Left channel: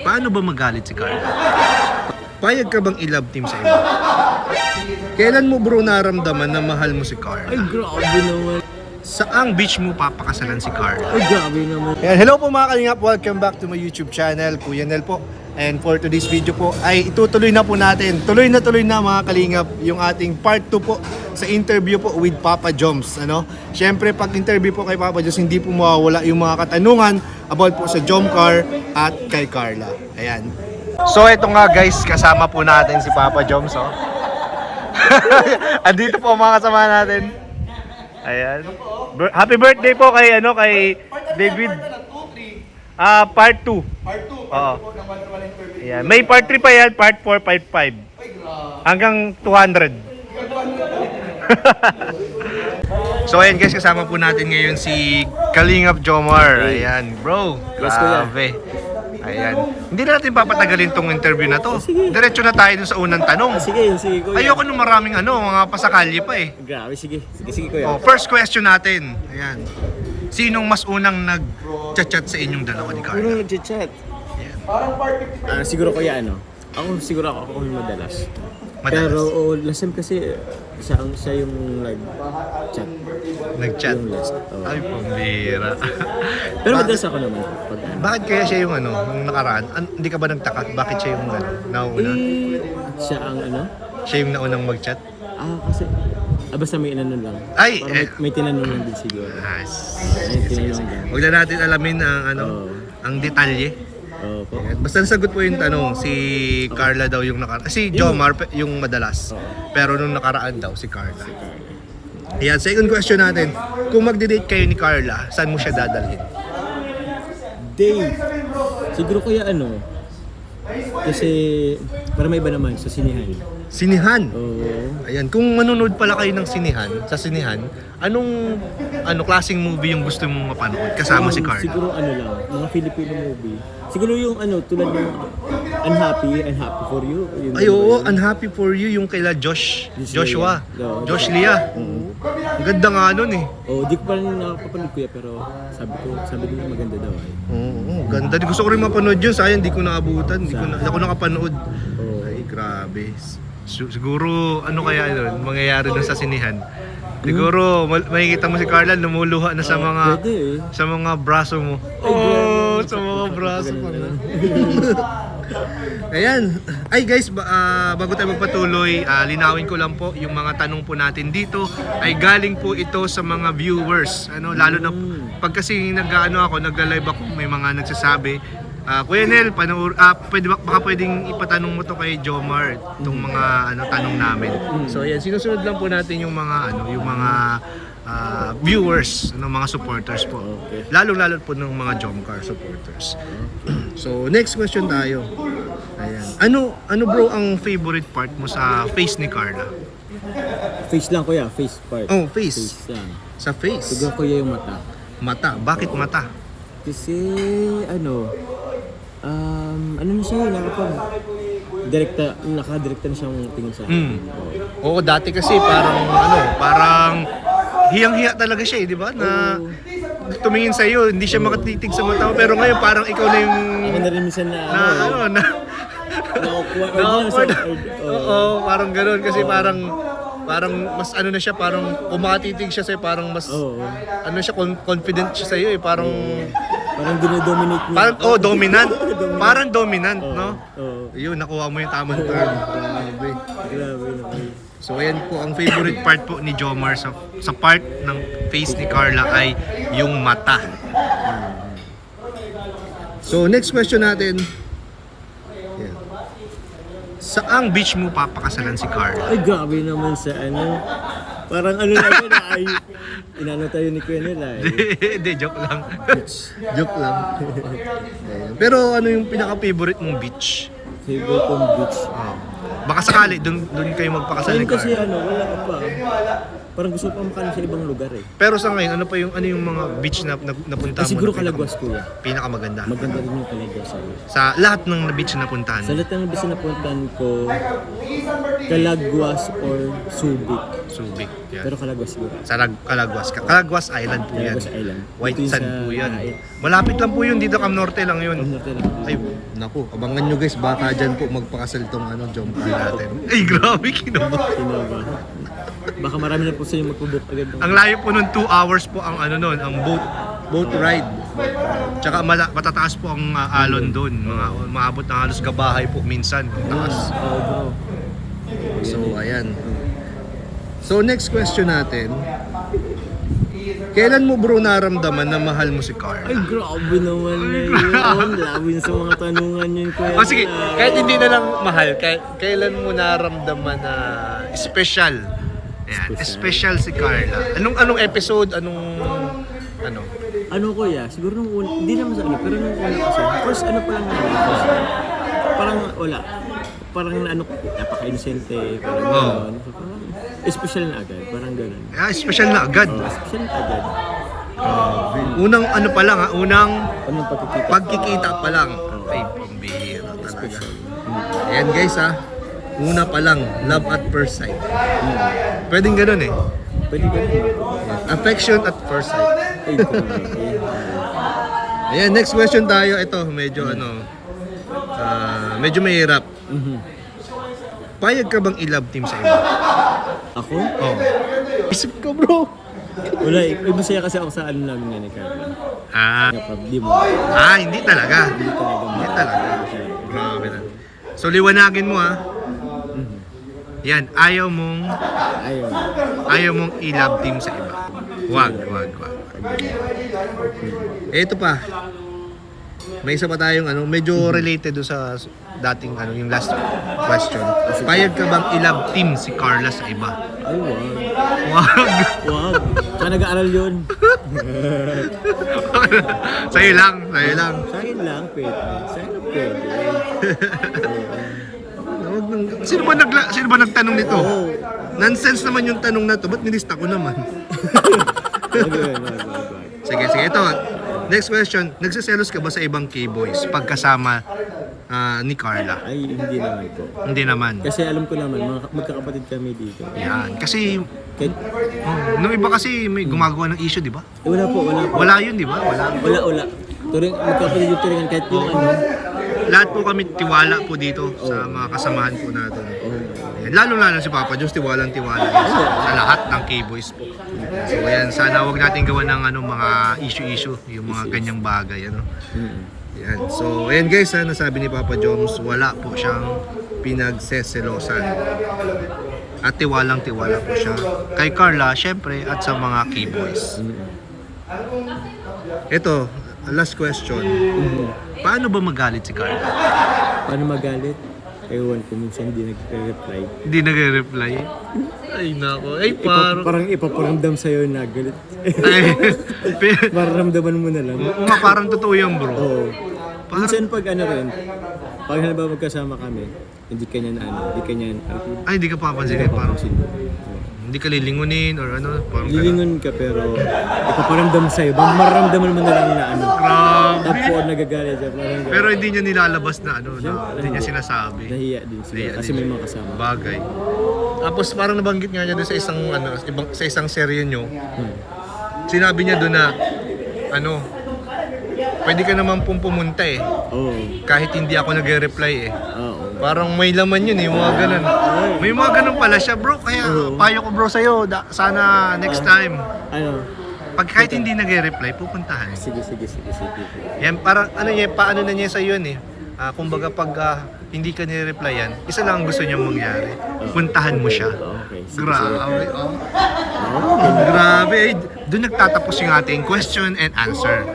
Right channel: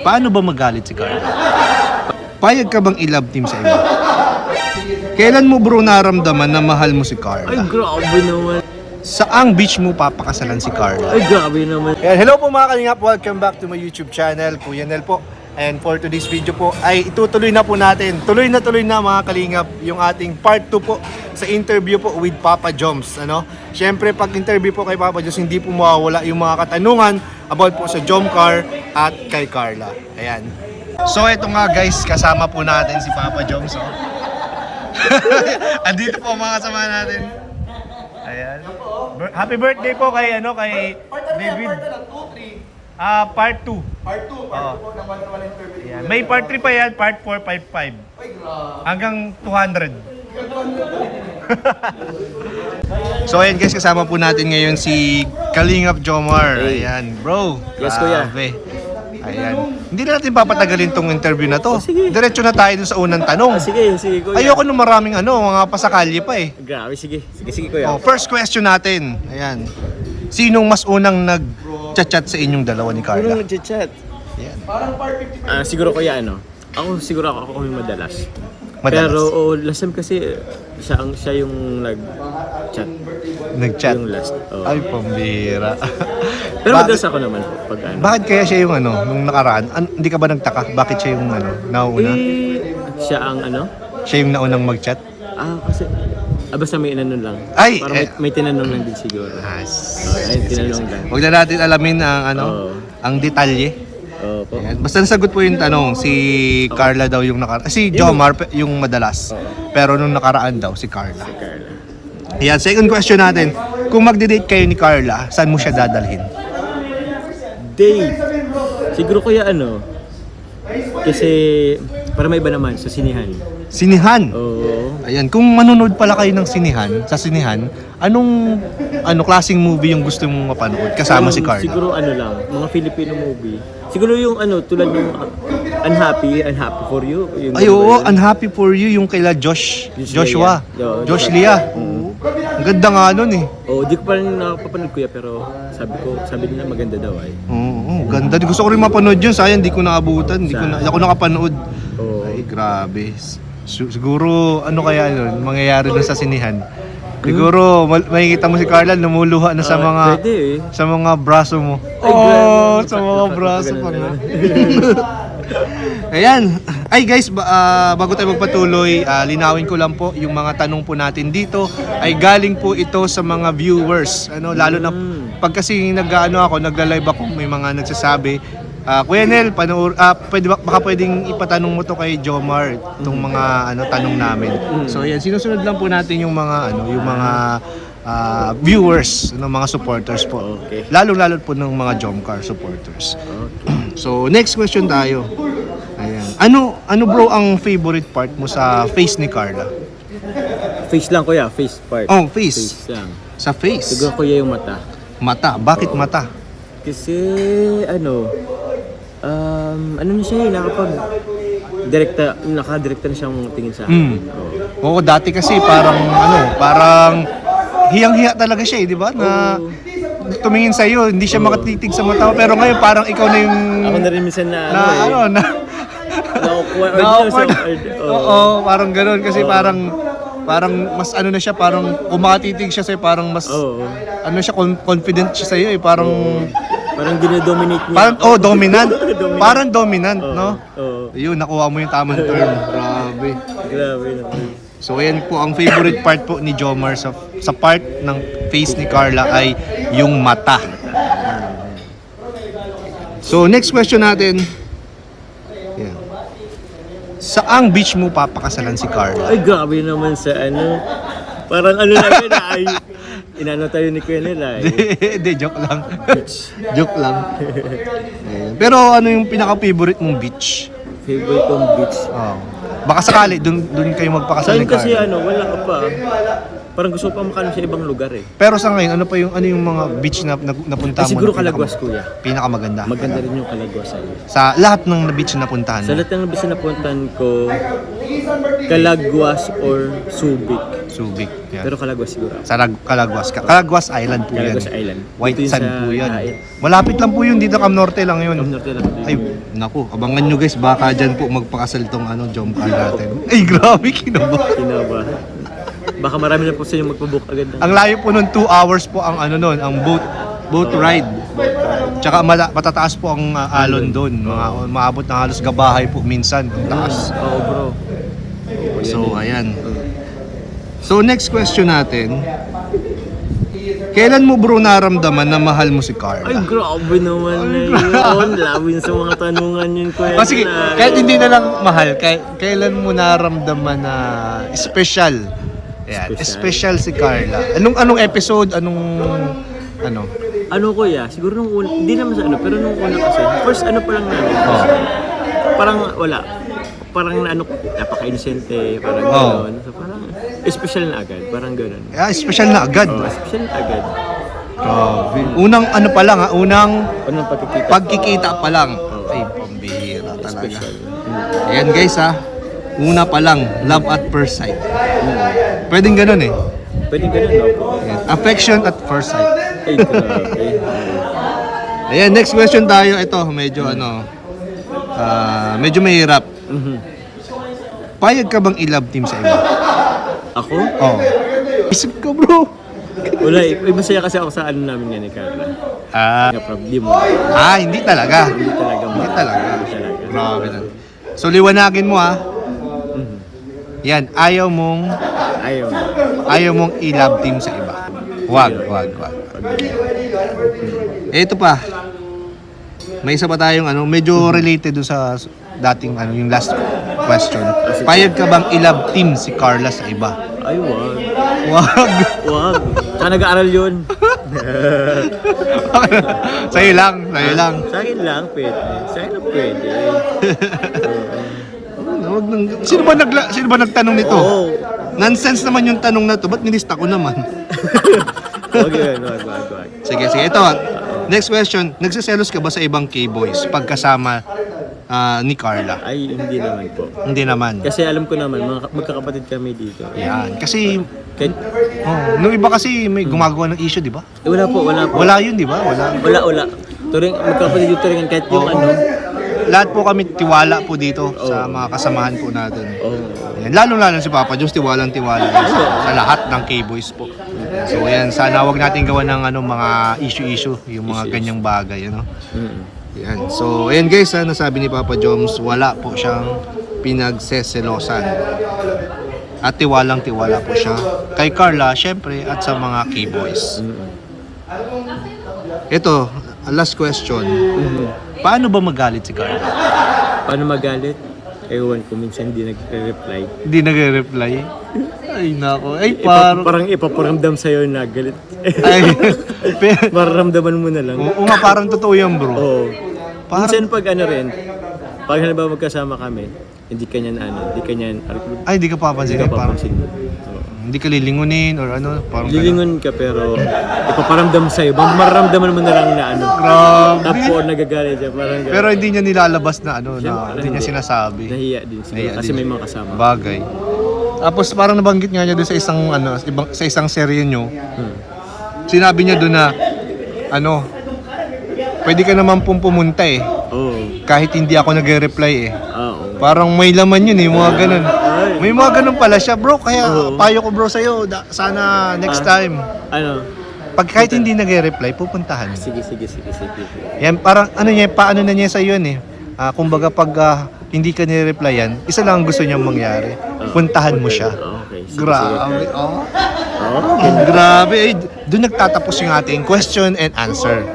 Paano ba magalit si Carla? Payag ka bang i-love team sa iba? Kailan mo bro naramdaman na mahal mo si Carla? Ay, grabe naman. Saang beach mo papakasalan si Carla? Ay, grabe naman. Ayan, hello po mga kalingap, welcome back to my YouTube channel, Kuya Nel po. And for today's video po ay itutuloy na po natin, tuloy na mga kalingap, yung ating part 2 po sa interview po with Papa Joms. Siyempre pag interview po kay Papa Joms, hindi po mawawala yung mga katanungan about po sa Jomcar at kay Carla. Ayan. So ito nga guys, kasama po natin si Papa Joms. Andito po mga kasama natin. Ayan. Happy birthday po kay David. Part 2. Part 2, part 2 po ng 1-to-1 interview. Ayan. May part 3 pa yan, part 4, part 5. Hanggang 200. So ayan guys, kasama po natin ngayon si Kalingap Jomar. Ayan, bro. Yes, kuya. Grabe. Ayan. Hindi na natin papatagalin tong interview na to. Sige. Diretso na tayo dun sa unang tanong. Sige, kuya. Ayoko nung maraming mga pasakalye pa eh. Grabe, sige, kuya. First question natin. Ayan. Sinong mas unang nag-chat sa inyong dalawa ni Carla? Unang nag-chat. Siguro kuya Siguro ako yung madalas. Pero last time kasi siya yung nag-chat. Nag-chat? Yung last. Ay, pambira. Pero madalas ako naman pag Bakit kaya siya yung nung nakaraan? Hindi ka ba nagtaka? Bakit siya yung nauna? Siya ang Siya yung naunang mag-chat? Kasi basta may inanong lang. Ay, para may tinanong lang din siguro. Ayun, tinanong lang. Huwag na natin alamin ang detalye. Po. Ayan. Basta nasagot po yung tanong, si Carla daw yung nakaraan. Si Jomar yung madalas. Pero nung nakaraan daw, si Carla. Carla. Ayan, second question natin. Kung magde-date kayo ni Carla, saan mo siya dadalhin? Date. Siguro kuya kasi para may iba naman sa sinihan. Sinihan. Oo. Ayan, kung manonood pala kayo ng sinihan, anong klaseng movie yung gusto mong mapanood kasama si Carla? Siguro lang, mga Filipino movie. Siguro yung tulad ng Unhappy for You. Yun, Ay, ba oo, yun? Unhappy for You, yung kila Joshua. Oo, Josh Lia. Ang ganda nga nun eh. Di ko pa rin nakapapanood kuya, pero sabi nila maganda daw ay. Oo, ganda. Gusto ko rin mapanood yun. Sayang, di ko naabutan. Di ako nakapanood. Oo. Ay, grabe. Siguro, kaya mangyayari doon sa sinihan? Siguro, makikita mo si Carla, lumuluha na sa mga pwede eh. sa mga braso mo. Ay, grabe. Sa mga braso ko na. Ganun. Ayan. Ay guys, bago tayo magpatuloy, linawin ko lang po yung mga tanong po natin dito ay galing po ito sa mga viewers. Lalo na pag kasi nagla-live ako, may mga nagsasabi, Kuya Nel, baka pwedeng ipatanong mo to kay Jomar itong mga tanong namin. So ayan, sinusunod lang po natin yung mga viewers, mga supporters po. Okay. Lalo po ng mga Jomcar supporters. So next question tayo. Ayan. Ano bro ang favorite part mo sa face ni Carla? Face lang kuya, face part. Oh, face. Face lang. Sa face. Siguro kuya yung mata. Mata. Bakit mata? Kasi na siya nakadirekta na siyang tingin sa akin. Oo, dati kasi parang hiyang-hiya talaga siya, di ba? Na tumingin sa iyo, hindi siya makatitig sa mata mo, pero ngayon parang ikaw na yung Ako na rin minsan Oo, parang ganoon kasi parang mas na siya, parang kung makatitig siya sa'yo, parang mas siya, confident siya sa'yo eh, parang dinodominate niya parang, ako. Dominant. Dominant. Parang dominant, no? Oo. Yun, nakuha mo yung tamang term. Grabe naman. So ayan po, ang favorite part po ni Jomar sa part ng face ni Carla ay yung mata. So next question natin. Ayan. Saang beach mo papakasalan si Carla? Ay, grabe naman sa parang namin ay inano tayo ni Kuya nila Hindi, joke lang. Joke lang. Ayan. Pero ano yung pinaka-favorite mong beach? Favorite kong beach. Baka sakali, doon kayo Sa magpakasalan akin ni kasi Carla. wala ka pa. Parang gusto ko pa makano sa ibang lugar eh. Pero sa ngayon, ano yung mga beach na napunta mo? Siguro Calaguas kuya. Pinakamaganda. Maganda rin yung Calaguas ay. Sa lahat ng beach na napuntahan Sa mo? lahat ng beach na napuntahan ko, Calagwas or Subic. Subic. Yan. Pero Calagwas siguro ako. Sa Calagwas. Calagwas Island po Calagwas yan. Island. White Dito yun sand sa po yan. Daet. Malapit lang po yun, dito Cam Norte lang yun. Cam Norte lang. Ay, naku, abangan nyo guys, baka dyan po magpakasal tong jump car natin. Ay, grabe, kinaba. Kinaba. Baka marami na po sa inyo magpabook agad. Ang layo po nun, 2 hours po ang nun, ang boat ride. Tsaka matataas po ang alon doon. Maabot na halos gabahay po minsan. Ang taas. Oo bro. So, ayan. So, next question natin. Kailan mo bro naramdaman na mahal mo si Carla? Ay grabe naman na yun. Labin sa mga tanungan yun ko. Sige, kahit hindi na lang mahal, kailan mo naramdaman na special? Ayan, special si Carla. Anong episode? Ano kuya, siguro nung una, hindi naman sa pero nung una kasi, first pa lang namin. Parang wala. Parang napaka-innocente, parang gano'n. So parang special na agad, parang gano'n. Special na agad. Special na agad. Unang pa lang unang Unang pagkikita pa lang. Ay, pambihira talaga. Special. Ayan guys una pa lang, love at first sight. Pwedeng gano'n eh. Pwede gano'n, no? Affection at first sight. Ay, grabe. Ayan, next question tayo. Ito, medyo medyo mahirap. Payag ka bang i-love team sa iba? Ako? Oo. Isip ka bro. Wala masaya kasi ako sa namin nga ni Carla. Nga problem mo. Hindi talaga. Hindi talaga. Hindi talaga. Hindi talaga. Grabe na. So, liwanagin mo Yan, ayaw mong i-love team sa iba. Wag. Ito pa. May isa pa tayong medyo related do sa dating yung last question. Payag ka bang i-love team si Carla sa iba? Ay, wag. Wag. Nag-aaral yun. Sa'yo lang. Sa akin lang pwede. Sino ba nagtanong nito? Oo. Nonsense naman yung tanong na to. Ba't nilista ko naman? Wag. Sige. Ito. Next question. Nagsiselos ka ba sa ibang K-boys pagkasama ni Carla? Ay, hindi naman po. Hindi naman. Kasi alam ko naman, magkakapatid kami dito. Yan. Kasi, Kahit, nung iba kasi may gumagawa ng issue, di ba? wala po. Wala yun, di ba? Wala. Turing, magkakapatid dito rin. Kahit yung Lahat po kami tiwala po dito sa mga kasamahan po natin. Yan. Lalo si Papa Diyos, tiwalang sa lahat ng K-boys po. So ayan, sana wag natin gawa ng mga issue, yung mga ganyang bagay, Yan. So ayan guys, nasabi ni Papa Joms, wala po siyang pinagseselosan. At tiwalang-tiwala po siya kay Carla, syempre, at sa mga K-boys. Ito, last question. Paano ba magalit si Carla? Paano magalit? Ewan ko, minsan hindi nagre-reply. Hindi nagre-reply. Ay nako. Ay Parang ipaparamdam sa'yo na galit. Ay. Mararamdaman mo na lang. Oo nga, parang totoo yan bro. Oo. Parang- Minsan pag pag halimbawa magkasama kami, hindi ka Ay, di ka papansin. Parang hindi ka lilingunin or parang lilingon ka pero ipaparamdam sa'yo. Mararamdaman mo na lang na Grabe. Tapos nagagalit siya, parang gano'n. Pero hindi niya nilalabas na Siyempre, hindi niya sinasabi. Nahiya din siguro kasi may mga kasama. Bagay. Tapos parang nabanggit nga niya doon sa isang serye nyo. Sinabi niya doon na pwede ka naman pong pumunta Oo. kahit hindi ako nagre-reply Oo. Parang may laman yun mga ganun. Ay. May mga ganun pala siya bro, kaya payo ko bro sa'yo, sana next time. Pag kahit hindi nagre-reply, pupuntahan. Sige. Yan, parang paano na niya sa'yo yun kumbaga pag hindi ka nire-replyan, isa lang ang gusto niyang mangyari. Puntahan mo siya. Okay. Grabe. Grabe. Doon nagtatapos yung ating question and answer.